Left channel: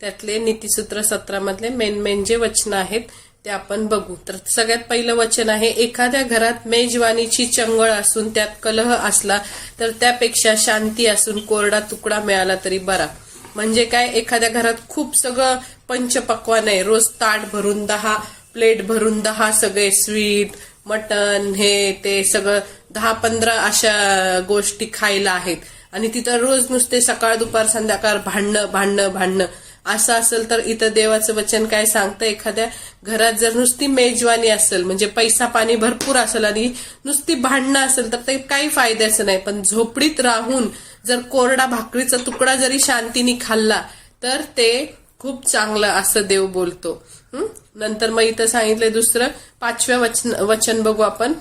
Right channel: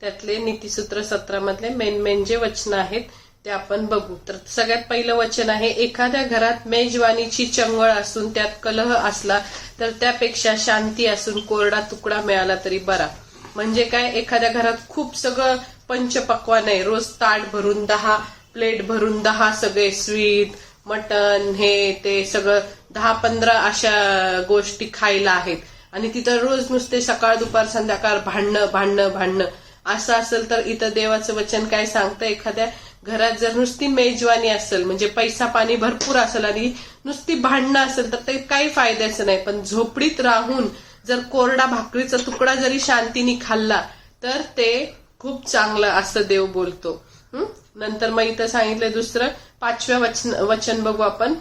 त्यातले नीतिसूत्र 17 मधले मेन जे वचन आहेत ते आपण बघू. तर सगळ्यात पहिलं वचन आहे, एखाद्या घरात मेजवानीची चंगळ असून त्यात कलह असला तर त्यापेक्षा शांती असून कोरडा तुकडा मिळाला तरी बरा. म्हणजे काय, एखाद्या घरात खूप सगळं पंचपक्वान आहे, रोज ताट भरून 10 प्लेट भरून 10 सगळे स्वीट मटन हे ते सगळं 10-15 अशा गोष्टी खायला आहेत आणि तिथं रोज नुसते सकाळ दुपार संध्याकाळ भांडणं असं असेल तर इथं देवाचं वचन काय सांगतं, एखाद्या घरात जर नुसती मेजवानी असेल म्हणजे पैसा पाणी भरपूर असेल आणि नुसती भांडणं असेल तर ते काही फायद्याचं नाही. पण झोपडीत राहून जर कोरडा भाकरीचा तुकडा जरी शांतीने खाल्ला तर ते खूप चांगलं असं देव बोलतो. नंतर मग इथं सांगितलंय दुसरं 5व्या वचन बघू आपण.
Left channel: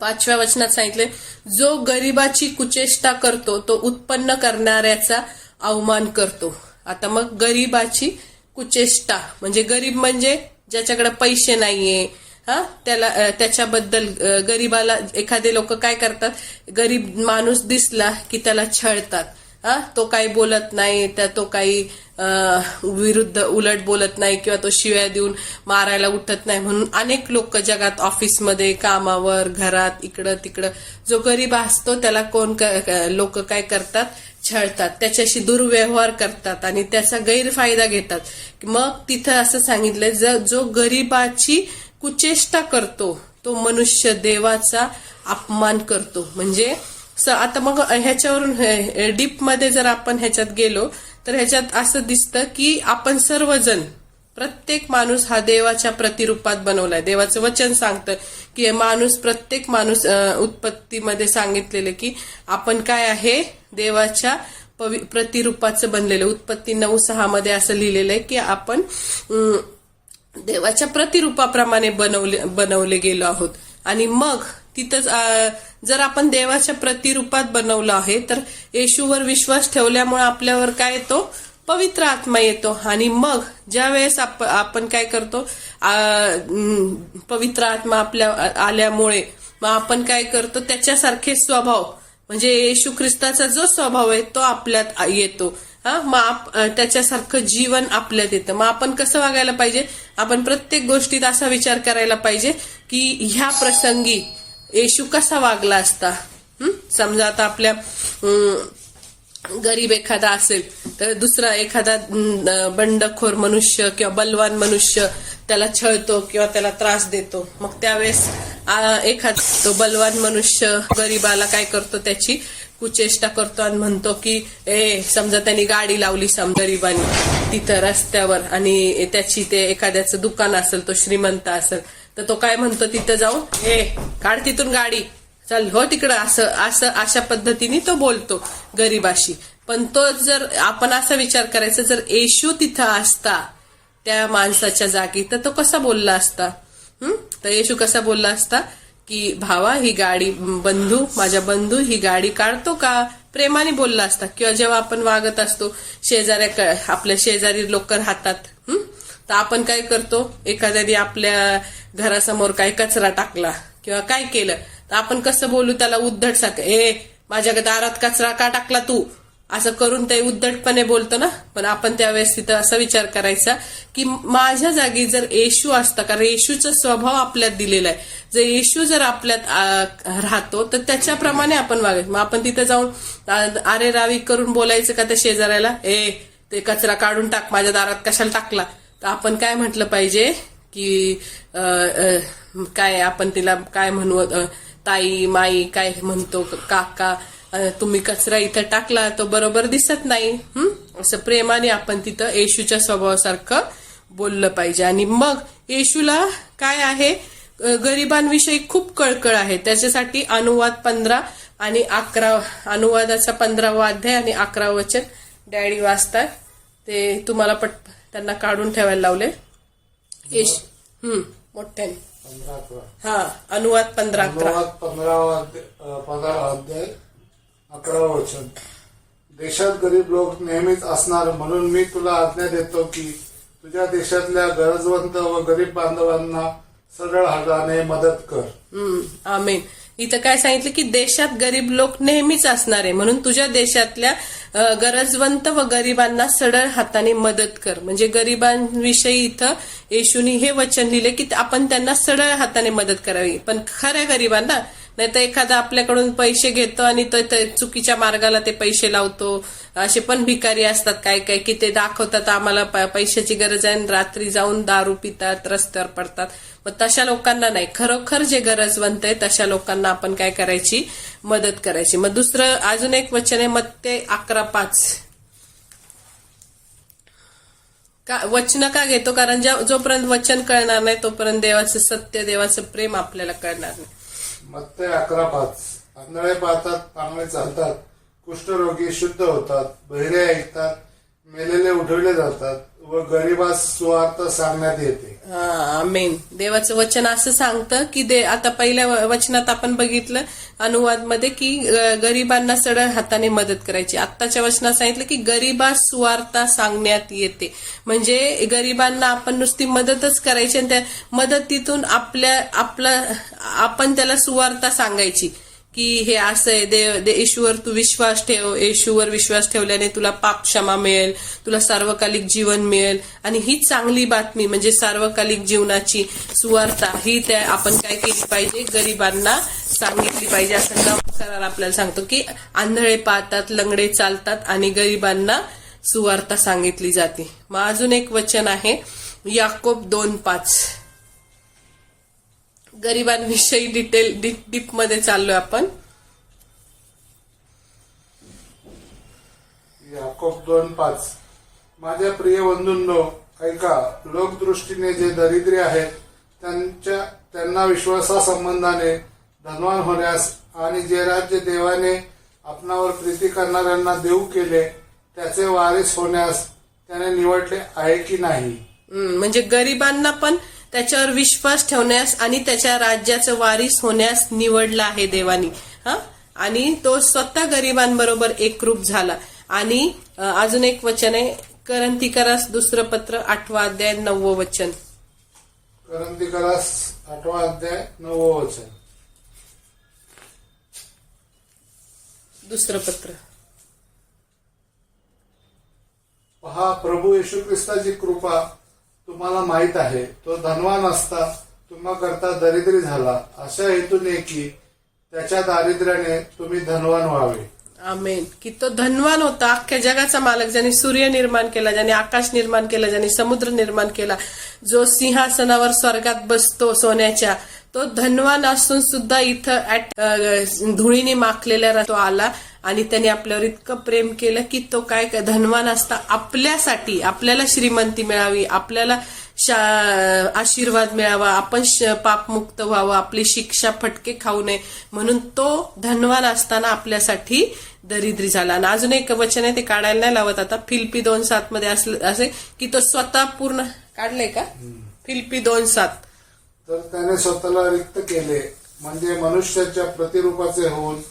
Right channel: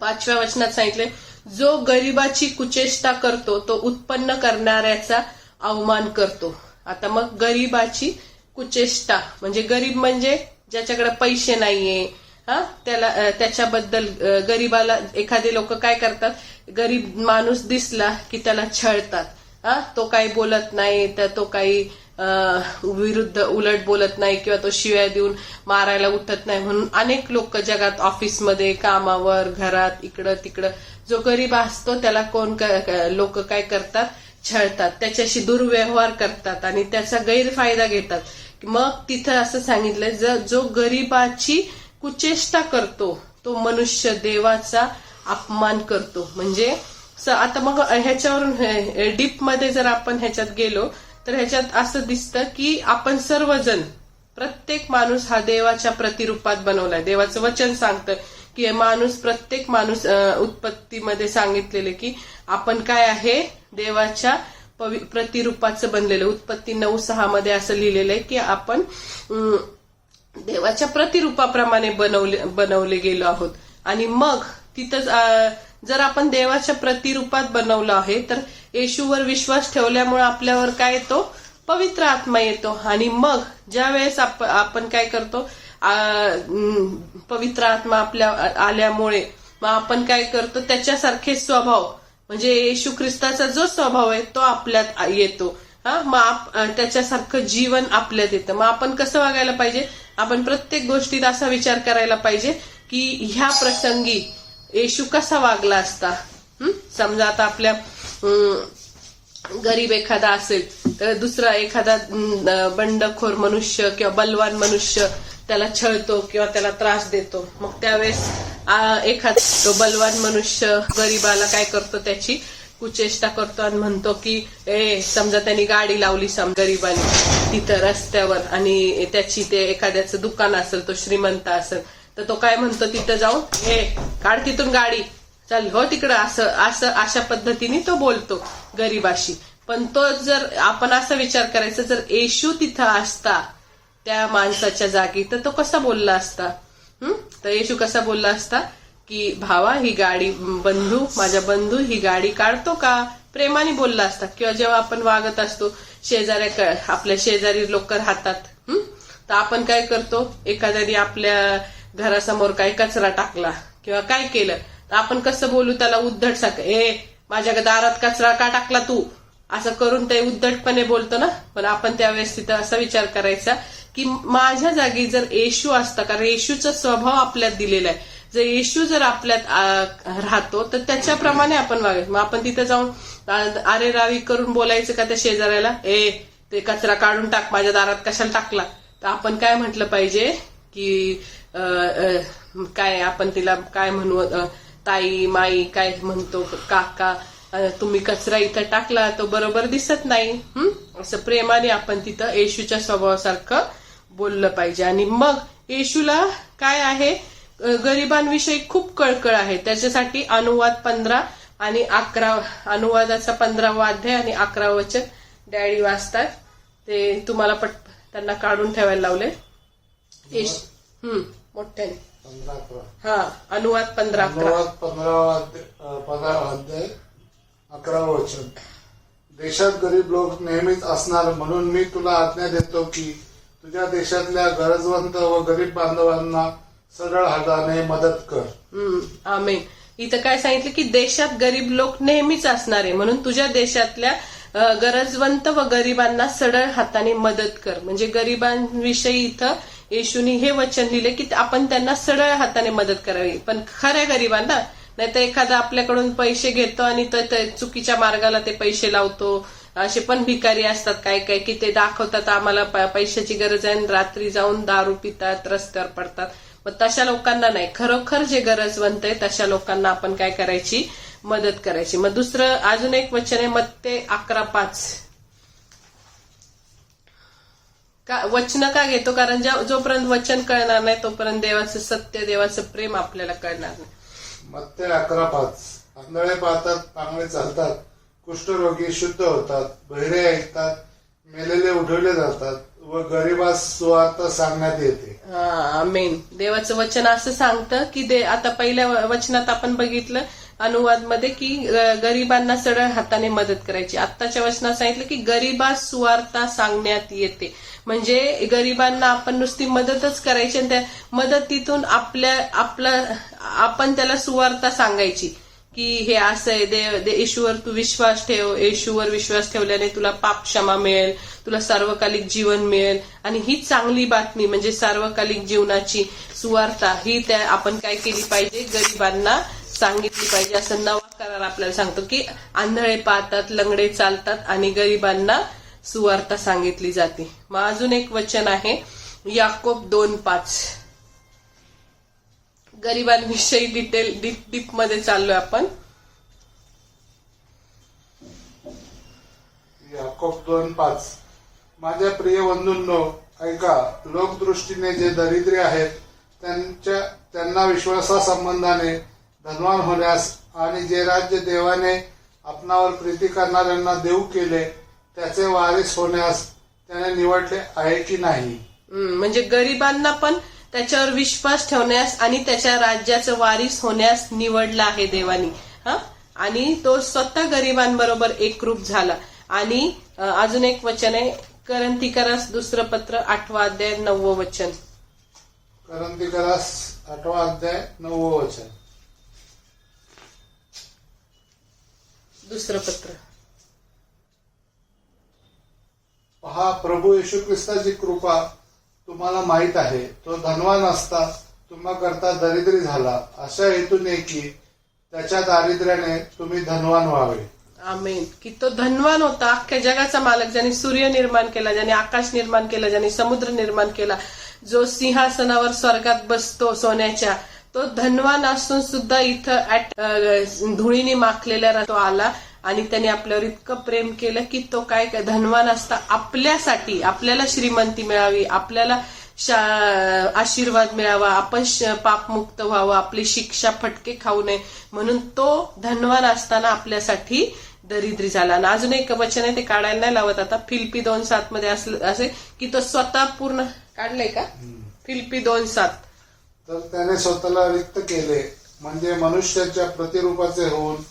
5व्या वचनात सांगितले, जो गरिबाची कुचेष्टा करतो तो उत्पन्न करणाऱ्याचा अवमान करतो. आता मग गरिबाची कुचेष्टा म्हणजे गरीब म्हणजे ज्याच्याकडे पैसे नाहीये, त्याला त्याच्याबद्दल गरीबाला एखादे लोक काय करतात, गरीब माणूस दिसला की त्याला छळतात. तो काही बोलत नाही, तो काही विरुद्ध उलट बोलत नाही किंवा तो शिव्या देऊन मारायला उठत नाही म्हणून अनेक लोक जगात ऑफिसमध्ये कामावर घरात इकडं तिकडं जो गरीब असतो त्याला कोण लोक काय करतात, छळतात, त्याच्याशी दुर्व्यवहार करतात आणि त्याचा गैरफायदा घेतात. मग तिथं असं सांगितलंय, जो गरीबाची कुचेष्टा करतो तो मनुष्य देवाचा अपमान करतो. म्हणजे आता मग ह्याच्यावरून डीप मध्ये जर आपण ह्याच्यात गेलो तर ह्याच्यात असं दिसतं की आपण सर्वजण प्रत्येक माणूस हा देवाच्या प्रतिरूपात बनवलाय. देवाचं वचन सांगतं की प्रत्येक माणूस उत्पत्तीमध्ये सांगितलेले की आपण काय आहे, देवाच्या प्रतिरूपाचं बनलेलं. उत्पत्ती 9:6 मध्ये असं लिहिलेलं आहे की आपण देवाच्या प्रतिरूपाप्रमाणे बनवले गेलो आहोत. आणि मग तिथं जर आपण देवाच्या प्रतिरूपात बनवलं आहे तर येशूवर विश्वास ठेवल्यामुळे आपल्यावर काय येतो, पवित्र आत्मा येतो. आणि मग ज्या वेळेस आपण काय करतो, पवित्र आत्मा आपल्या आल्यामुळे मग आपण काय करतो, त्याच्यासारखे स्वभाव म्हणजे येशू ख्रिस्ताचा जो स्वभाव आहे तो आपल्यात येतो. मग त्याच्यासारखं जीवन आपल्यात येतं. मग आपण कसं वागायला पाहिजे, आपण प्रत्येक गोष्टीत असा विचार करायला पाहिजे की ह्या प्रसंगी येशू कसा वागला असता. समजा आता आपल्या गरीब एखादा असेल तर दुसरा एखादा बंडखोर मनुष्य किंवा बलवान मनुष्य त्याला छळतो किंवा त्याला त्रास देतो. मग त्यावेळेस एखादा तो बलवान मनुष्य गरीबाला काय करतो, त्याची कुचेष्टा करतो आणि म्हणतो की समजा त्यांनी गाडी लावली गरीबाने तिथं रस्त्यावर आणि त्याची ते एखाद्याचं दुकान असेल, तो श्रीमंत असेल तर तो काय म्हणतो तिथं जाऊन, काढ तिथून गाडी, चल हो तिकडं, अशा पद्धतीने तो बोलतो गरीबाशी. पण तो जर आपण असा विचार करायचा, जर येशू तिथं असता त्या माणसाच्या जागी तर तो कसा बोलला असता. तर येशू कसा बोलला असता की भावा ही गाडी, माझ्या बंधू ही गाडी काढतो का, प्रेमाने बोलला असता. किंवा जेव्हा आपण वागत असतो आपल्या शेजारी लोक राहतात तर आपण काय करतो, एखाद्याने आपल्या घरासमोर काही कचरा टाकला किंवा काय केलं तर आपण कसं बोलू त्याला, उद्धट माझ्या दारात कचरा का टाकला तू, असं करून ते उद्धटपणे बोलतो ना. पण आपण त्यावेळेस तिथं असा विचार करायचा की माझ्या जागी जर येशू असता, कारण येशूचा स्वभाव आपल्यात दिलेला आहे, जर येशू जर आपल्यात राहतो तर त्याच्याप्रमाणे आपण वागायचं. मग आपण तिथं जाऊन अरे रावी करून बोलायचं का त्या शेजाऱ्याला, ते कचरा काढून टाक, माझ्या दारात कशाला टाकला. तर आपण काय म्हटलं पाहिजे की काय आपण तिला काय म्हणू, ताई माई काय म्हणतो, काका तुम्ही कचरा इथं टाकला तो बरोबर दिसत नाही, असं प्रेमाने आपण तिथं येशूच्या स्वभावासारखं बोललं पाहिजे. आणि मग येशूला काय आहे, गरिबांविषयी खूप कळकळ आहे. त्याच्यासाठी अनुवाद 15 आणि 11 अनुवादाचा 15वा अध्याय आणि 11 वचन डॅडी वाचतात, ते तुम्हाला त्यांना काढून ठेवायला लावले. मोठ्याने अनुवाद 15 अध्याय 11 वचन. देशात गरीब लोक नेहमीच असणार, म्हणून मी तुला आज्ञा देतो की तुझ्या देशातल्या गरजवंत व गरीब बांधवांना सरळ हाताने मदत कर. आमेन. इथं काय सांगितलं की देशात गरीब लोक नेहमीच असणार आहे, म्हणून तुझ्या देशातल्या गरजवंत व गरिबांना सरळ हाताने मदत कर. म्हणजे गरिबांविषयी इथं येशूनी हे वचन दिले की आपण त्यांना सरळ हाताने मदत करावी, पण खऱ्या गरिबांना. नाही तर एखादा आपल्याकडून पैसे घेतो आणि तो चुकीच्या मार्गाला ते पैसे लावतो. असे पण भिकारी असतात काय काय की ते दाखवतात आम्हाला पैशाची गरज आहे, रात्री जाऊन दारू पितात, रस्त्यावर पडतात. मग तशा लोकांना नाही, खरोखर जे गरजवंत आहे तशा लोकांना आपण काय करायची, मदत करायची. मग दुसरं अजून एक वचन आहे मत्ते 11:5. का वचन का घेतो? कारण जोपर्यंत वचन कळणार नाही तोपर्यंत देवाचं सत्य, देवाचं प्रेम आपल्याला कळणार नाही. मत्ते 11:5. आंधळे पाहतात, चांगले चालतात, कुष्ठरोगी शुद्ध होतात, बहिरे ऐकतात, मेलेले उठवले जातात व गरिबास सुवार्थ सांगण्यात येते. आमेन. देवाचं वचन असं सांगतं की आता पहिल्या वचनात आपण बघितलं अनुवाद मध्ये की गरिबांना सरळ हाताने मदत करायची. आत्ताच्या वचनात सांगितलं की गरिबास सुवार्ता सांगण्यात येते. म्हणजे गरिबांना आपण नुसती मदतच करायची आणि त्या मदतीतून आपण त्याला सुवार्ता सांगायची की हे असं आहे, येशूवर तू विश्वास ठेव, येशूवर विश्वास ठेवल्याने तुला पाप क्षमा मिळेल, तुला सार्वकालिक जीवन मिळेल. आणि ही चांगली बातमी म्हणजे सार्वकालिक जीवनाची सुवार्ता ही त्या आपण काय केली पाहिजे, गरिबांना सांगितली पाहिजे. असं नवा करार आपल्याला सांगतो की आंधळे पाहतात, लंगडे चालतात आणि गरिबांना सुवार्ता सांगितली जाते. मग अजून एक वचन आहे याकोब 2:5. गरिबांविषयी डीप मध्ये चाललोय आपण. याकोब 2:5. माझ्या प्रिय बंधूंनो ऐका, लोकदृष्टीने जे दरिद्री आहेत त्यांना विश्वासासंबंधाने धनवान होण्यास आणि जे राज्य देवाने आपणावर प्रीती करणाऱ्यांना देऊ केले त्याचे वारीस होण्यास त्याने निवडले आहे की नाही. म्हणजे गरिबांना पण त्याच्यावर विश्वास ठेवण्यास आणि त्याच्या राज्याचं वारीस होण्यास निवडला आहे देवानी. आणि तो स्वतः गरिबांबरोबर एकरूप झाला. आणि अजून एक वचन आहे करंथीकरास दुसरं पत्र 8वा अध्याय 9वं वचन. करंथीकरास 8वा अध्याय 9वं वचन. दुसरं पत्र. पहा, प्रभू येशू ख्रिस्ताची कृपा तुम्हाला माहित आहे. तो धनवान असता तुम्हा करता दरिद्री झाला अशा हेतूने की त्याच्या दारिद्र्याने तुम्ही धनवान व्हावे. आमेन. की तो धनवान होता, अख्ख्या जगाचा मालक, ज्याने सूर्य निर्माण केला, ज्याने आकाश निर्माण केला, ज्याने समुद्र निर्माण केला, जो सिंहासनावर स्वर्गात बसतो सोन्याच्या, तो धनवान असून सुद्धा इथं धुळीने माखलेला तो आला आणि त्याने आपल्यावर इतकं प्रेम केलं की तो काय धनवान असता आपल्यासाठी, आपल्याला श्रीमंती मिळावी, आपल्याला आशीर्वाद मिळावा, आपण पापमुक्त व्हावं, आपली शिक्षा फटके खाऊ नये म्हणून तो धनवान असताना आपल्यासाठी दरिद्री झाला. आणि अजून एक वचन आहे ते काढायला नाही लावत आता, फिलिप्पी 2:7 मध्ये असे की तो स्वतः पूर्ण काढलंय का, फिलिप्पी 2:7. तर त्याने स्वतःला रिक्त केले म्हणजे मनुष्याच्या प्रतिरूपाचे होऊन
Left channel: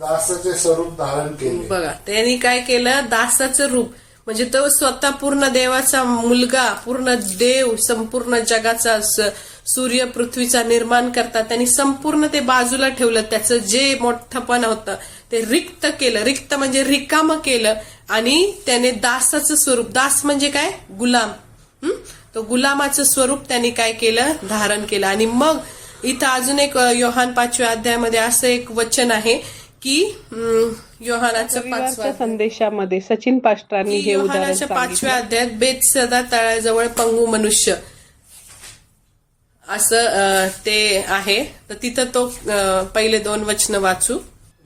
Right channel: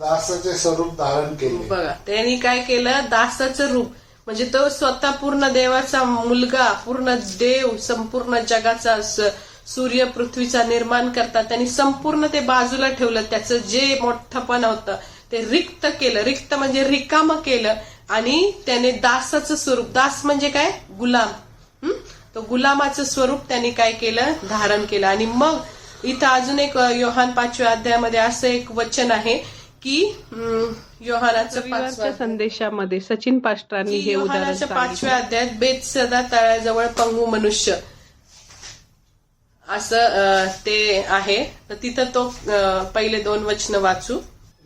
दासाचे स्वरूप धारण केले. बघा, त्यांनी काय केलं, दासाचं रूप. म्हणजे तो स्वतः पूर्ण देवाचा मुलगा, पूर्ण देव, संपूर्ण जगाचा सूर्य पृथ्वीचा निर्माण करता त्यांनी संपूर्ण ते बाजूला ठेवलं. त्याचं जे मोठंपण होतं ते रिक्त केलं, रिक्त म्हणजे रिकामं केलं आणि त्याने दासाचं स्वरूप, दास म्हणजे काय, गुलाम, तो गुलामाचं स्वरूप त्यांनी काय केलं, धारण केलं. आणि मग इथं अजून एक योहान 5व्या अध्यायामध्ये असं एक वचन आहे की योहानाच्या 5व्या संदेशामध्ये सचिन पास्टरांनी हे उदाहरण सांगितलं. 5व्या अध्यायात बेतसदा तळ्याजवळ पंगू मनुष्य असं ते आहे. तर तिथं तो पहिले 2 वचन वाचू.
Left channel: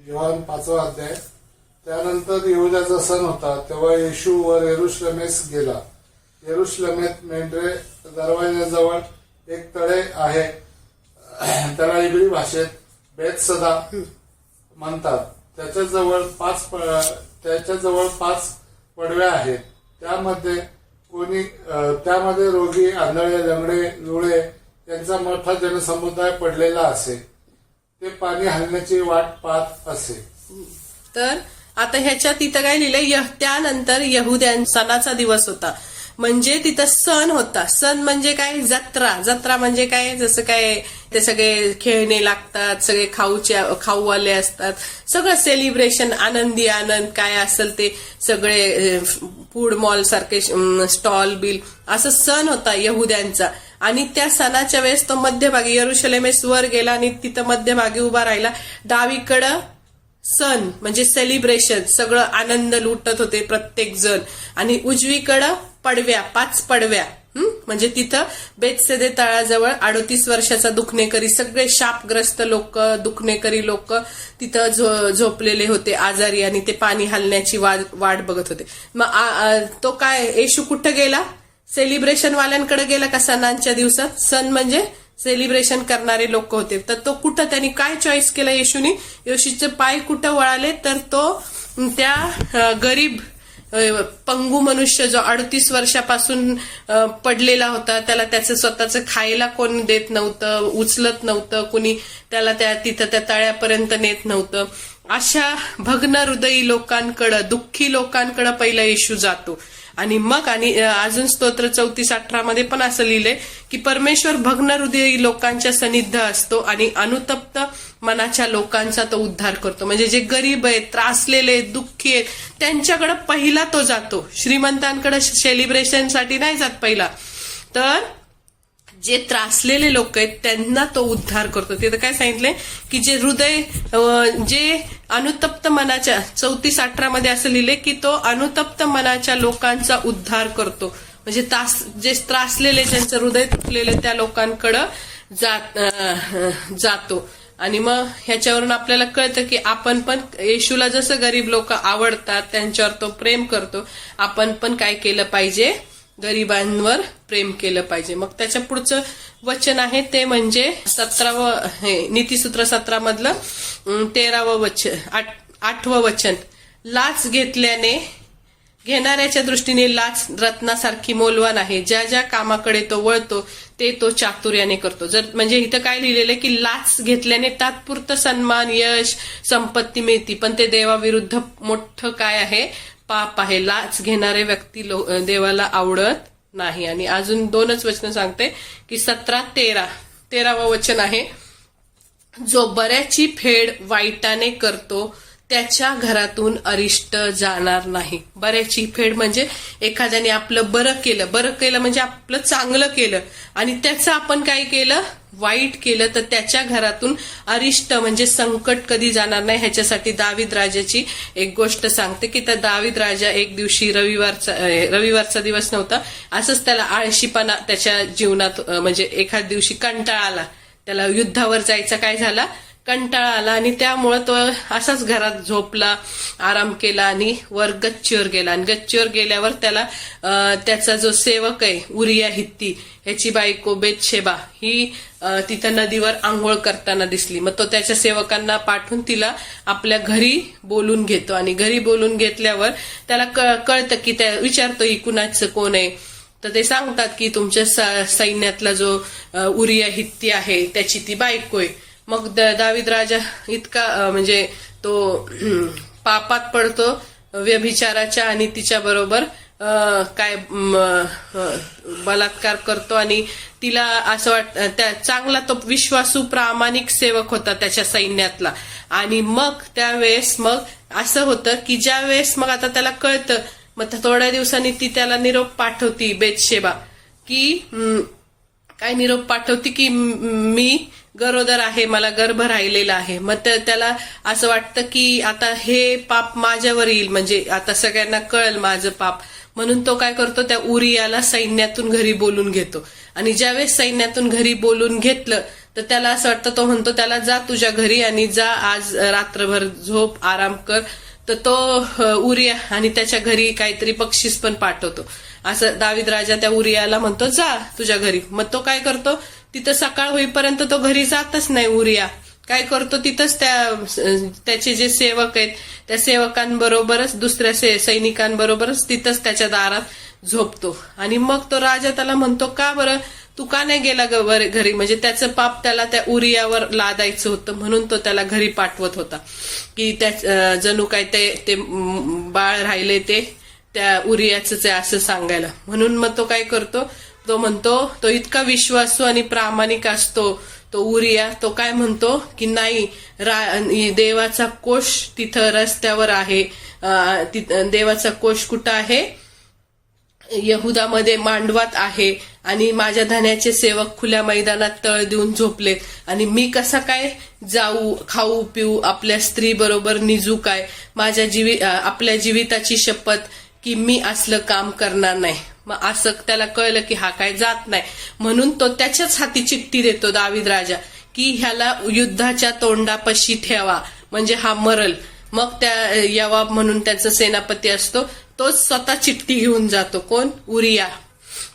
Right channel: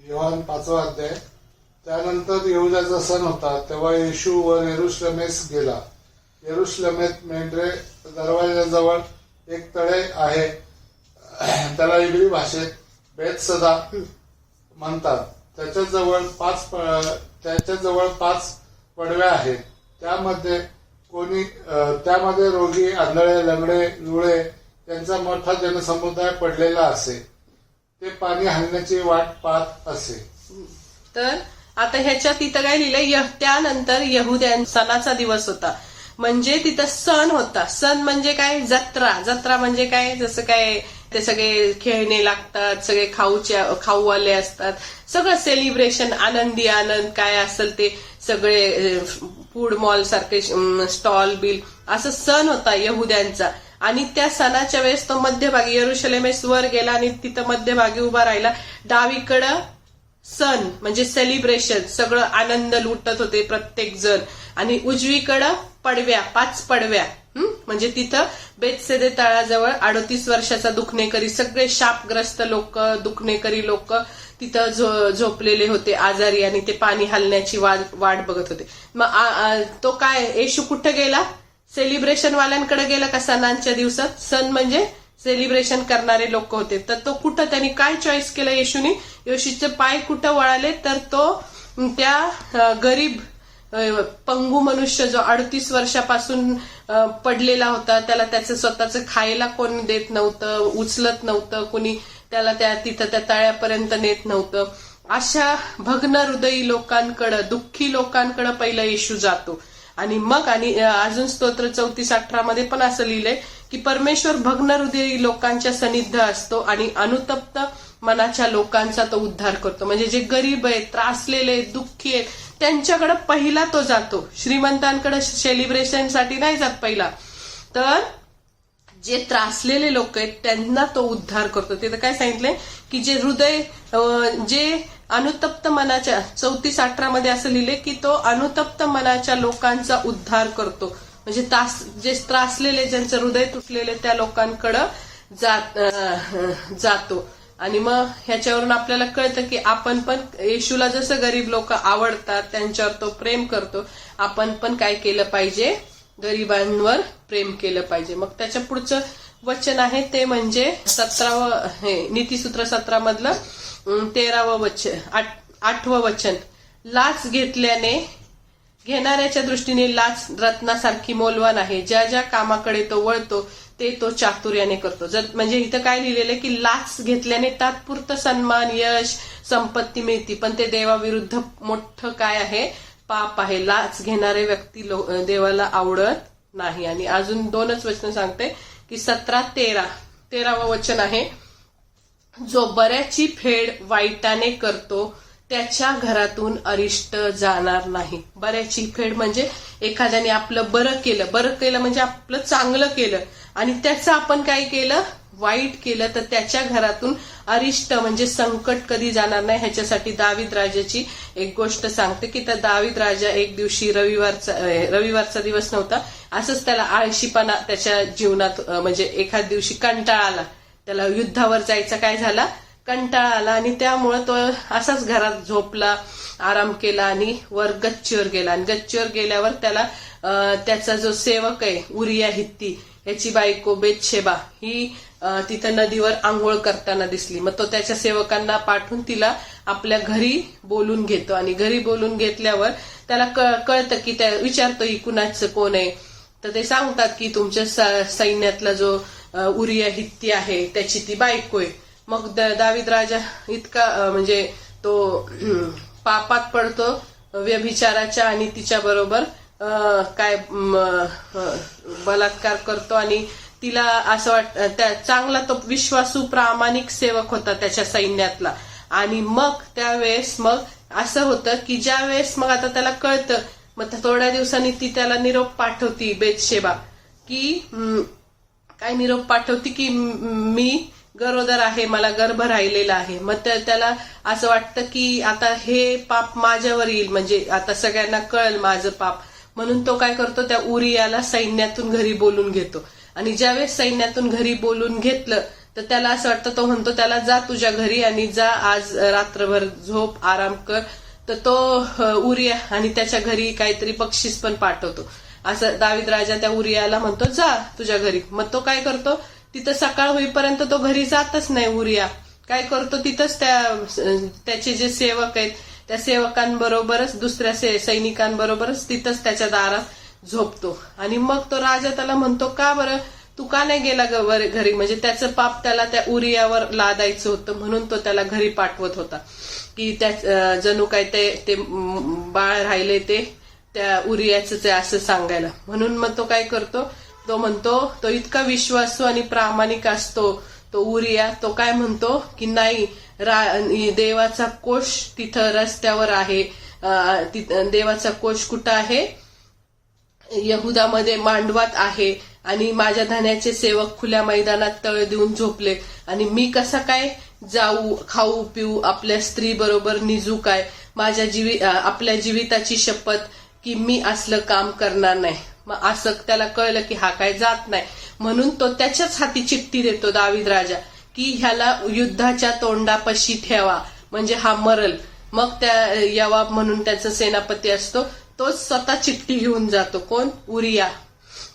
योहान 5वा अध्याय. त्यानंतर यहुदाचा सण होता तेव्हा येशू वर यरुशलेमेस गेला. यरुशलेमेत मेंढरे दरवाजाजवळ एक तळे आहे, त्याला इब्री भाषेत बेतसदा म्हणतात. त्याच्याजवळ 5 पडव्या आहेत. त्यामध्ये रोगी, आंधळे, लंगडे, लुळे यांचा मोठा जनसमुदाय पडलेला असे. ते पाणी हलण्याची वाट पाहत असे. तर आता ह्याच्यात इथं काय लिहिलंय, त्यानंतर यहुद्यां सणाचा दिवस होता. म्हणजे तिथं सण होता. सण म्हणजे काय? जत्रा. जत्रा म्हणजे काय? जसं काय ते सगळे खेळणे लागतात, सगळे खाऊवाले असतात, सगळं सेलिब्रेशन, आनंदी आनंद काय असेल ते सगळे फूड मॉल सारखे स्टॉल बिल असं सण होता यहुद्यांचा. आणि त्या सणाच्या वेळेस तो मध्यभागी यरुशलेमेस वर गेला आणि तिथं मध्यभागी उभा राहिला. डावीकडं सण म्हणजे सेलिब्रेशन, सगळं आनंद लुटत होते प्रत्येक जण. आणि उजवीकडं पडव्या, 5 पडव्या, म्हणजे तिथं बेतसेदे तळाजवळ 38 वर्षाचा दुखणेकरी, सगळे शापग्रस्त लोक, दुखणेकरी लोक तिथं झोपलेले होते आजारी, आणि ते पाणी हलण्याची वाट बघत होते. मग तो काय, येशू कुठं गेला? सेलिब्रेशन वाल्यांकडे गेला का सणांच्या दिवसात? सण म्हणजे सेलिब्रेशन करणारे लोक होते. तर तो कुठं, त्यांनी काय चॉईस केलं येशूनी? येशूचे पाय कुठं वळाले? तर तो त्या गरीब पंगू मनुष्य जो 38 वर्षापासून पडलेला होता, त्याला त्याचं स्वतःचं खायला कोण देत नव्हतं, उचलत नव्हतं कुणी, त्याला तिथं त्या तळ्यापर्यंत नेत नव्हतं, अशा भग्न हृदयी लोकांकडं, दुःखी लोकांकडं पहिला येशू जातो. आणि मग अजून स्तोत्र 34:18 मध्ये पण असं लिहिलंय की परमेश्वर भग्न हृदयी लोकांच्या सन्निध असतो आणि अनुतप्त मनाच्या लोकांचा तो उद्धार करतो. म्हणजे जे गरीब आहेत, त्रासलेले, दुःखी आहेत, त्यांच्याकडे पहिला तो जातो. श्रीमंतांकडे सेलिब्रेशनसाठी नाही जात पहिला, तर जे त्रासलेले लोक आहेत त्यांना तो उद्धार करतो. तिथं काय सांगितलंय की जे हृदय, जे अनुतप्त मनाच्या, 34:18 मध्ये असं लिहिले की तो अनुतप्त मनाच्या लोकांचा उद्धार करतो. म्हणजे जे त्रासलेले, ज्यांचं हृदय तुटलेले, त्या लोकांकडं जातो. आणि मग ह्याच्यावरून आपल्याला कळतं की आपण पण येशूला जसं गरीब लोक आवडतात, त्यांच्यावर तो प्रेम करतो, आपण पण काय केलं पाहिजे? गरिबांवर प्रेम केलं पाहिजे. मग त्याच्या पुढचं वचन आहे ते म्हणजे 17वं, नीतिसूत्र 17 मधलं 13वं वचन, 8वं वचन. लाच घेणाऱ्याच्या दृष्टीने लाच रत्नासारखी मौल्यवान आहे. ज्या ज्या कामाकडे तो वळतो ते तो चातुर्याने करतो. म्हणजे इथं काय लिहिलेलं आहे की लाच घेतल्याने तात्पुरतं सन्मान, यश, संपत्ती मिळते, पण ते देवाविरुद्ध मोठं काय आहे? पाप आहे. लाच घेणारे व्यक्ती देवाला आवडत नाही. आणि अजून 2च वचन सांगते की 17-13 वचन आहे, जो बऱ्याची फेड वाईटाने करतो त्याच्या घरातून अरिष्ट जाणार नाही. बऱ्याची फेड म्हणजे एखाद्याने आपलं बरं केलं म्हणजे आपलं चांगलं केलं आणि त्याचं आपण काय केलं? वाईट केलं, तर त्याच्या घरातून अरिष्ट म्हणजे संकट कधी जाणार नाही. ह्याच्यासाठी दावीद राजाची एक गोष्ट सांगते की त्या दावीद राजा एक दिवशी रविवारचा दिवस नव्हता, असंच त्याला आळशीपणा त्याच्या जीवनात, म्हणजे एखाद दिवशी कंटाळा आला, त्याला युद्धावर जायचा काय झाला? कंटाळा आला, आणि त्यामुळं तो असाच घरात झोपला, आराम केला आणि वर गच्चीवर गेला. आणि गच्चीवर गेल्यावर त्याला त्याचा जो सेवक आहे उरिया हित्ती, ह्याची बायको बेतशेबा ही तिथं नदीवर आंघोळ करताना दिसली. मग तो त्याच्या सेवकांना पाठवून तिला आपल्या घरी बोलून घेतो. आणि घरी बोलून घेतल्यावर त्याला कळतं की त्या विचारतो ही कुणाचं कोण आहे? तर ते सांगतात की तुमच्या सैन्यातला जो उरिया हित्ती आहे त्याची ती बायको आहे. मग दावीद राजा इतका म्हणजे तो पापात पडतो व्यभिचाराच्या, आणि तिच्या बरोबर काय बलात्कार करतो. आणि तिला असं वाटतं, चांगला तो विश्वासू प्रामाणिक सेवक होता त्याच्या सैन्यातला. आणि मग त्यावेळेस मग असं होतं की ज्या वेळेस मग आता त्याला कळतं, मग थोड्या दिवसांनी ती त्याला निरोप पाठवती बेतशेबा, की काय निरोप पाठवती की मी गरोदर आहे, मला गर्भ राहिलेला आहे. मग त्याला असं वाटतं की आता हे पाप माझ्यावर येईल, म्हणजे आता सगळ्यांना कळेल माझं पाप, म्हणून तो काय करतो? त्या उरियाला सैन्यातून घरी बोलून घेतो. आणि ज्यावेळेस सैन्यातून घरी बोलून घेतलं तर त्याला असं वाटतं, तो म्हणतो त्याला जा तुझ्या घरी आणि जा आज रात्रभर झोप, आराम कर. तर तो उरिया आणि त्याच्या घरी काहीतरी बक्षीस पण पाठवतो. असं दावीद राजा त्या उरियाला म्हणतो जा तुझ्या घरी. मग तो काय करतो? तिथं सकाळ होईपर्यंत तो घरी जातच नाही. उरिया काय करतो? तिथंच त्याचे जे सेवक आहेत त्या सेवकांबरोबरच, दुसऱ्या सैनिकांबरोबरच तिथंच त्याच्या दारात झोपतो. आणि मग तो राजा त्याला म्हणतो, का बरं तू का नाही गेला घरी? म्हणजे त्याचं पाप त्याला त्या उरियावर लादायचं होतं, म्हणून तो त्याला घरी पाठवत होता की जणू काय ते बाळ राहिले त्या उरियाचंच आहे असं सांगायला. म्हणून मग तो काय करतो, तो म्हणतो, तो इतका विश्वासू आणि प्रामाणिक असतो तो उरिया, तो काय म्हणतो की नाही, देवाचा कोष तिथं रस्त्यावर आहे. देवाचा कोष कुठं आहे, यहुदामध्ये मांडवात आहे, आणि माझ्या धन्याचे सेवक खुल्या मैदानात तळ देऊन झोपले, आणि मी कसा काय जाऊ, खाऊ पिऊ, आपल्या स्त्री बरोबर निजू काय, आपल्या जीविताची शपथ की मी असलं काम करणार नाही. मग असं त्याला कळलं की हा काय जात नाही, म्हणून तो त्याच्याच हाती चिठ्ठी देतो दावीद राजा की ह्याला युद्धाच्या तोंडापाशी ठेवा, म्हणजे हा मरल. मग त्या यवाब म्हणून त्याचा सेनापती असतो, तोच स्वतः चिठ्ठी घेऊन जातो. कोण? उरिया.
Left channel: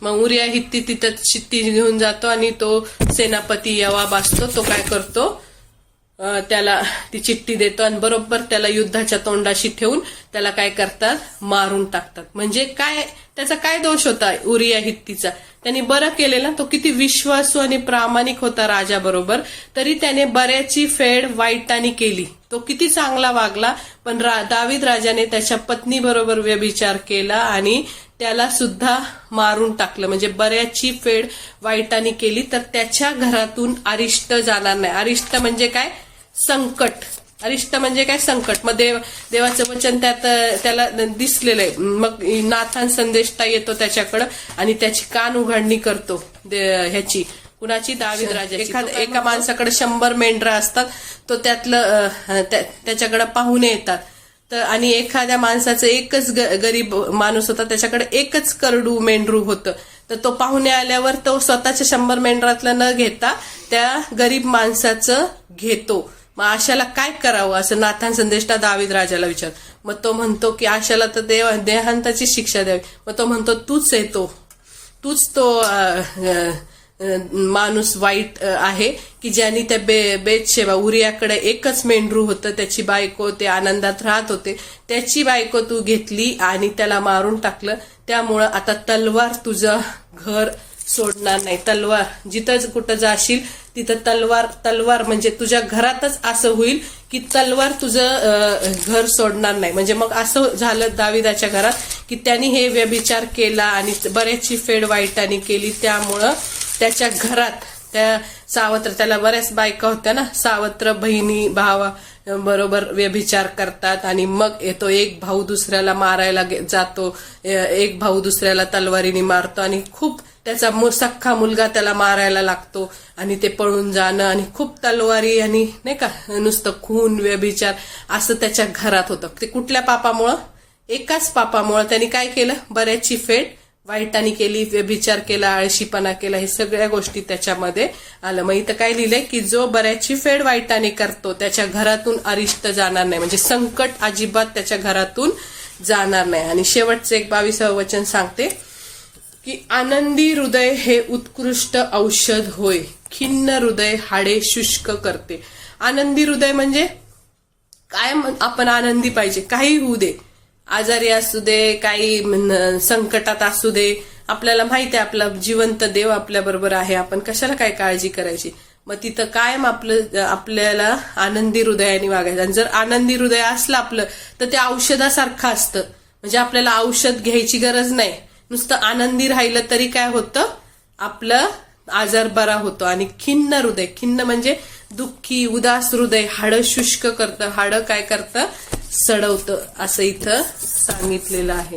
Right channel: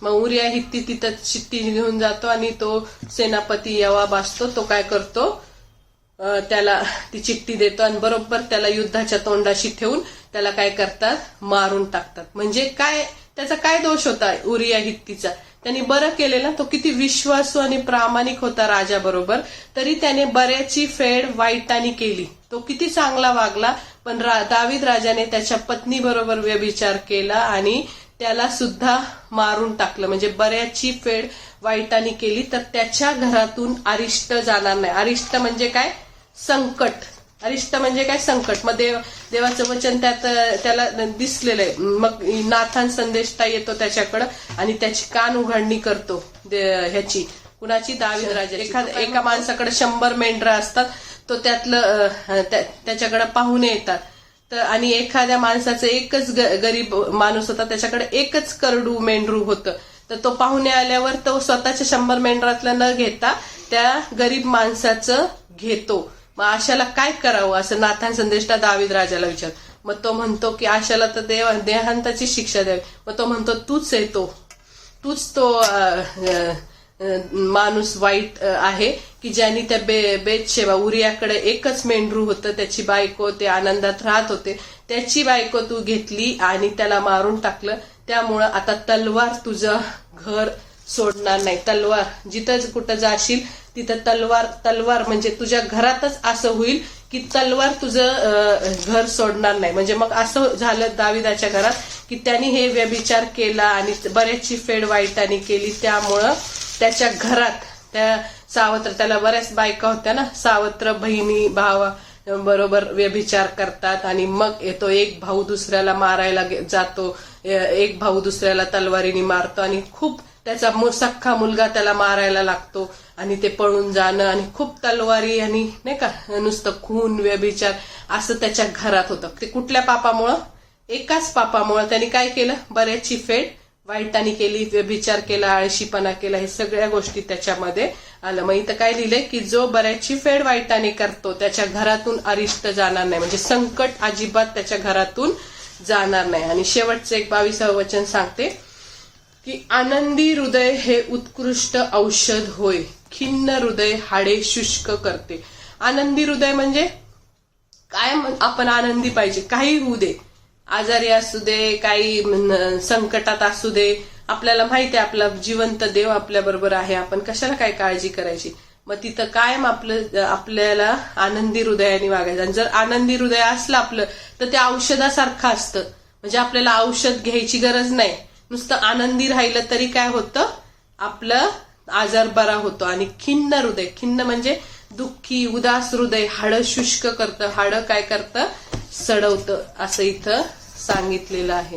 मग उरिया हित्ती तिथं चिठ्ठी घेऊन जातो, आणि तो सेनापती यवाब असतो, तो काय करतो, त्याला ती चिठ्ठी देतो, आणि बरोबर त्याला युद्धाच्या तोंडाशी ठेवून त्याला काय करतात, मारून टाकतात. म्हणजे काय, त्याचा काय दोष होता उरिया हित्तीचा? त्यांनी बरं केलेलं, तो किती विश्वासू आणि प्रामाणिक होता राजाबरोबर, तरी त्याने बऱ्याची फेड वाईटाने केली. तो किती चांगला वागला, पण दावीद राजाने त्याच्या पत्नी बरोबर व्यभिचार केला आणि त्याला सुद्धा मारून टाकलं. म्हणजे बऱ्याची फेड वाईटाने केली, तर त्याच्या घरातून अरिष्ट जाणार नाही. अरिष्ट म्हणजे काय? संकट. अरिष्ट म्हणजे काय? संकट. मग देवाचं वचन त्याला दिसलेलं आहे. मग नाथान संदेष्टा येतो त्याच्याकडं आणि त्याची कान उघडणी करतो ह्याची, कुणाची? दावीद राजाची. एका माणसाकडे 100 मेंढरं असतात, तो त्यातलं त्याच्याकडे पाहुणे येतात, तर आणि एखाद्या माणसाचं एकच गरीब माणूस होता, त्याच्याकडे एकच करडू मेंढरू होतं, तर तो पाहुणे आल्यावर तो स्वतःच्या 100 मेंढरातलं न घेता त्या गरीब माणसाचं घेतो. मग आशाला काय करावं असं नाथान संदेष्टा दावीद राजाला विचार. मग तो म्हणतो की आशाला तर देहांताची शिक्षा द्यावी. मग तो म्हणतो तूच येतो, तूच तो माणूस वाईट आहे की ज्यांनी त्या बेतशेबा, उरियाकडे एकच मेंढरू होतं, त्याची बायको, ते आनंदात राहत होते, त्याची बायको तू घेतली आणि त्याला मारून टाकलं. त्यामुळं आता तलवार तुझं घर सोडणार नाही. तलवार जिथं कुठं जाशील तिथं तलवार म्हणजे तुझ्या घरातच असं होईल की तलवार तुझं घर सोडणार नाही. म्हणजे मग असं झालं दाविदाच्या घरात की त्यांनी हे व्यभिचार केला आणि बऱ्याचशी फेड वाईटाने केली. त्यामुळं त्याच्या घरात त्या सावत्र, त्याला बऱ्याच बायका होत्या ना, सावत्र बहिणी भावा बरोबर व्यभिचार करतात, आणि मग येतो एक भाऊ दुसऱ्याला मारायला जातो, एक भाऊ दुसऱ्याला तलवारीने मारतो, आणि खूप त्याचा सख्खा मुलगा त्याला मारायला लागतो, आणि ते पळून जाणं, आणि खूप तलवारी आणि नाही का नुसतं खून व्यभिचार असं त्याच्या घरात होतं. ते कुठल्या पापामुळं? एकाच पापामुळं. त्यांनी काय केलं? बऱ्याचशी फेड वाईटाने केली, व्यभिचार केला, आळशीपणा केला, हे सगळ्या गोष्टी त्याच्यामध्ये आलं. मग इथं काय लिहिलंय की जो बऱ्याचशी फेड वाईटाने करतो त्याच्या घरातून अरिष्ट जाणार नाही, म्हणजे संकट अजिबात त्याच्या घरातून जाणार नाही. आणि शेवटचं एक 22वं वचन सांगते की आनंदी हृदय हे उत्कृष्ट औषध होय, खिन्न हृदय हाडे शुष्क करते. आनंदी हृदय म्हणजे काय? आपण आनंदी पाहिजे, काही होऊ दे, आजारी असू दे, काही संकटात असू दे, आपल्याला माहिती आहे आपला जिवंत देव आपल्या बरोबर आहे, आपण कशाला काय काळजी करायची. मग तिथं कायम आपल्याला आनंदी हृदयाने वागायचं. आणि जर आनंदी हृदय असलं आपलं तर ते औषधासारखं असतं, म्हणजे आपल्याला औषध घ्यायची गरज नाही. नुसतं आनंदी राहिलं तरी काय होतं? आपलं आजार बरा होतो. आणि खिन्न हृदय, खिन्न म्हणजे दुःखी उदास हृदय हाडं शुष्क करतं, हाडं काय करतं? सडवतं, असं इथं सांगितलेलं आहे.